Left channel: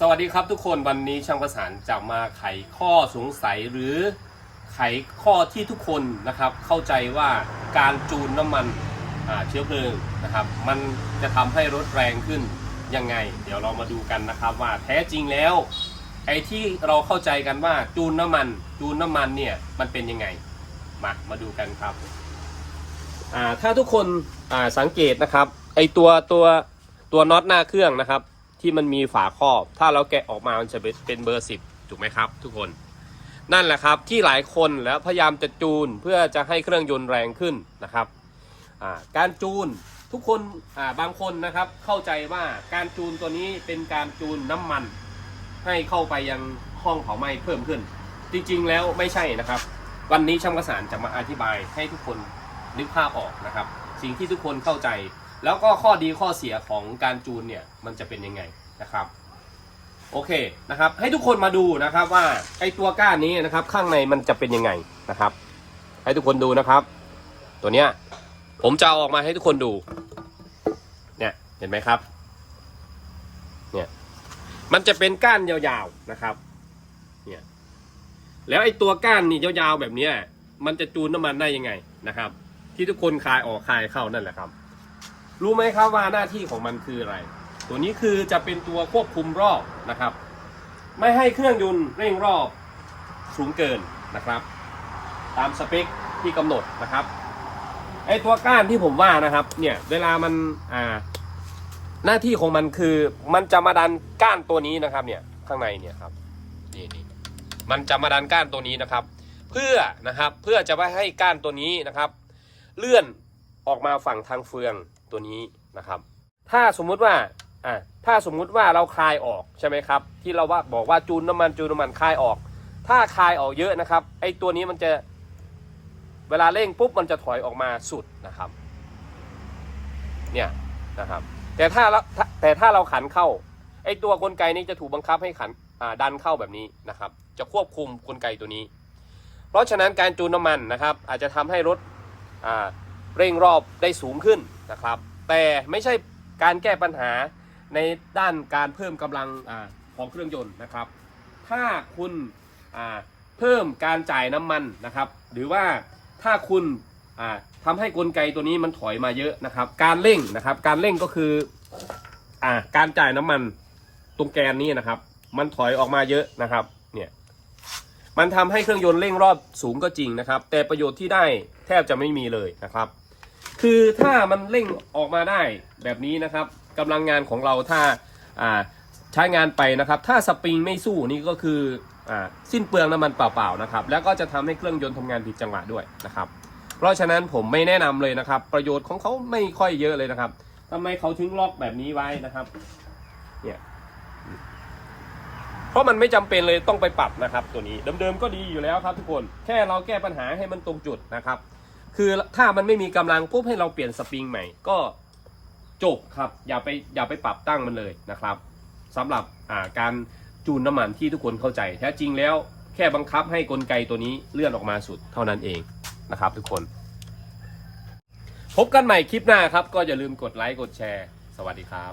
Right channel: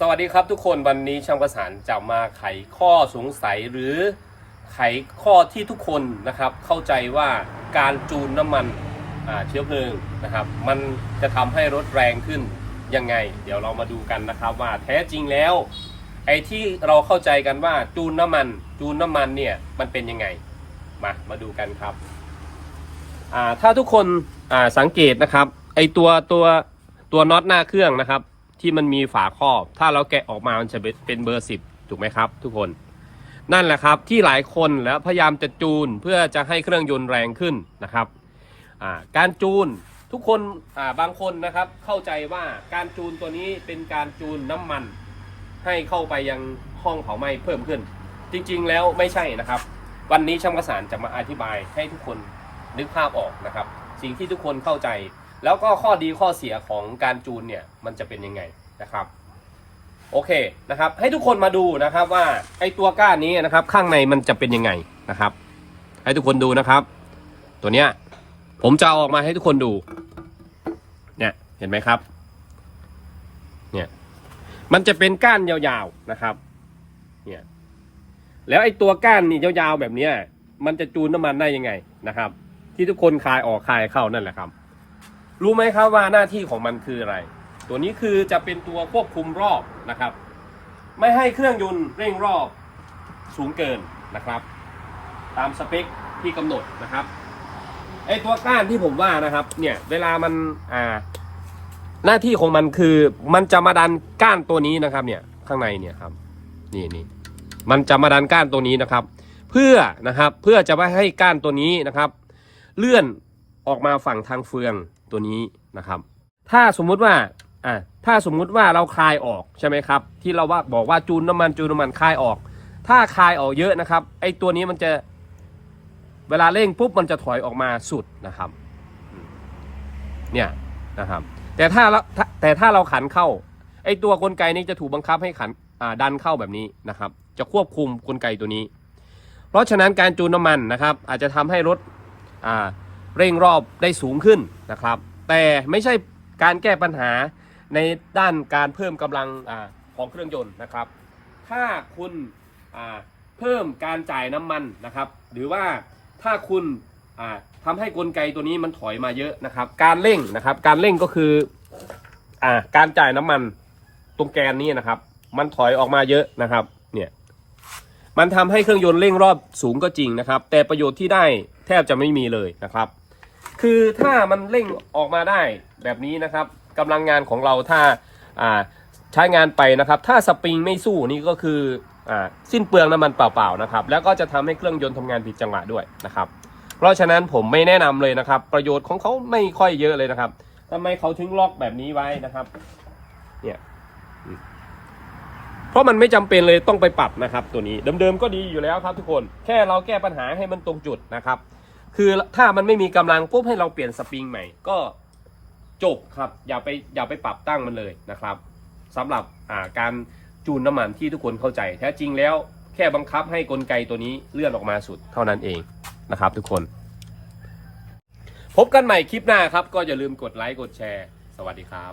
สวัสดีครับทุกคนวันนี้ช่างประสานจะมาไขข้อสงสัยหรือไขข้อที่ทุกคนนะครับ เข้าใจว่าการจูนน้ำมันเชื้อเพลิงนะครับ มันจะทำให้รถแรงขึ้นยังไง เดี๋ยวเรามาดูกันนะครับว่าแท้จริงแล้วไอ้ที่เราเข้าใจกันว่าจูนน้ำมัน จูนน้ำมันเนี่ยมันเป็นยังไงมามาดูกันครับถ้าทุกคนสังเกตนะครับไอ้ตัวตัวตัวน็อตหน้าเครื่องนะครับ ที่มันมีฝาครอบ ถ้าเราแกะออกมามันจะเป็นเบอร์สิบถูกไหมครับ ทุกคนนั่นแหละครับที่หลายคนแล้วพยายามจะจูนเพื่อจะให้เครื่องยนต์แรงขึ้นนะครับการจูนทุกคนบางคนนะครับเข้าใจว่าการจูนตัวนี้เป็นการจูนน้ำมัน ให้เข้าไปยังห้องเผาไหม้เพิ่มขึ้น จริงๆแล้วไม่ใช่นะครับ วันนี้ช่างประสานจะมาอธิบายให้ทุกคนนึกภาพออกนะครับ สิ่งที่ทุกคนเข้าใจ แล้วก็ข้อดีข้อเสียของการจูนเนี่ยมันจะเป็นยังไงนะครับโอเคนะครับ ให้ทุกคนมาดูนะครับว่าไอตัวก้านนี้นะครับ ข้างในมันจะเป็นยังไงนะครับ ให้ทุกคนดูนะครับ ตัวเนี้ยผมจะเอาออกมาให้ทุกคนดู เนี่ยเห็นไหมครับ เนี่ยมันจะเป็นก้านยาวๆนะครับเนี่ยแล้วไอ้ตัวก้านนี่ยาวๆแบบเนี้ยมันจะจูนน้ำมันได้ยังไงนะครับ ที่ทุกคนคายออกคายเข้านั่นแหละครับ รู้ไหมครับว่าหน้าที่ของมันคืออะไร ตัวนี้คือจะเป็นตัวควบคุมรอบนะครับ ไม่ให้เครื่องยนต์เร่งรอบสูงเกินนะครับ ตามสเปคที่กำหนดนะครับไอ้ตัวก้านที่ผมว่านะครับเนี่ยเวลามันอ่าหน้าที่ของมันคือมันจะมาดันก้านตัวนี้นะครับเนี่ยข้างในเนี่ยครับนี่นี่มันจะมาดันก้านตัวนี้นะครับ เพื่อนะครับเพื่อจะไม่ให้ก้านตัวนี้นะครับ เลื่อนออกมาฝั่งทางเฟือง ตัวนี้นะครับ ถ้าสมมุติว่าอ่าถ้าสมมุติว่าเราคลายออกใช่ไหมครับ ที่เราว่าบอกว่าจูนน้ำมันจูนน้ำมันคลายออก ถ้าคลายออกเยอะนะครับไอ้ตัวนี้มันจะเวลาเร่งปุ๊บมันจะถอยออกมาสุดนะครับ เนี่ยนะครับ แต่ถ้าเราแต่ถ้าเราขันเข้าไอตัวกลไกนี้จะถูกบังคับให้ขันอ่าดันเข้าแบบนี้นะครับ จะควบคุมกลไกตัวนี้ เพราะฉะนั้นการจูนน้ำมันนะครับ อาจจะทำให้รถอ่า เร่งรอบได้สูงขึ้นนะครับ แต่ไม่ใช่การแก้ปัญหาในด้านการเพิ่มกำลังอของเครื่องยนต์นะครับ ถ้าคุณเพิ่มการจ่ายน้ำมันนะครับ หรือว่าถ้าคุณอ่าทำให้กลไกตัวนี้มันถอยมาเยอะนะครับ การเร่งนะครับการเร่งก็คืออการจ่ายน้ำมันตรงแกนนี้นะครับ มันถอยออกมาเยอะนะครับเนี่ยมันทำให้เครื่องยนต์เร่งรอบสูงก็จริงนะครับ แต่ประโยชน์ที่ได้แทบจะไม่มีเลยนะครับ คือถ้ามันเร่งออกมาได้แบบนี้นะครับกำลังงานของเราถ้าอ่าใช้งานไปนะครับ ถ้าสปริงไม่สู้นี่ก็คืออาสิ้นเปลืองน้ำมันเปล่าๆนะครับ แล้วก็จะทำให้เครื่องยนต์ทำงานผิดจังหวะด้วยนะครับ เพราะฉะนั้นผมไม่แนะนำเลยนะครับ ประโยชน์ของเขาไม่ค่อยเยอะเลยนะครับทำไมเขาถึงล็อกแบบนี้ไว้นะครับเนี่ยเพราะมันไม่จำเป็นเลยต้องไปปรับนะครับ ตัวนี้เดิมๆก็ดีอยู่แล้วครับทุกคนแค่เราแก้ปัญหาให้มันตรงจุดนะครับ คือถ้ามันไม่มีกำลังปุ๊บให้เราเปลี่ยนสปริงใหม่ก็จบครับ อย่าไปอย่าไปปรับตั้งมันเลยนะครับสำหรับอ่าการจูนน้ำมันที่ทุกคนเข้าใจ แท้จริงแล้วแค่บังคับให้กลไกตัวนี้เลื่อนออกมาสุดเท่านั้นเองนะครับ ทุกคน พบกันใหม่คลิปหน้าครับ ก็อย่าลืมกดไลค์กดแชร์ สวัสดีครับ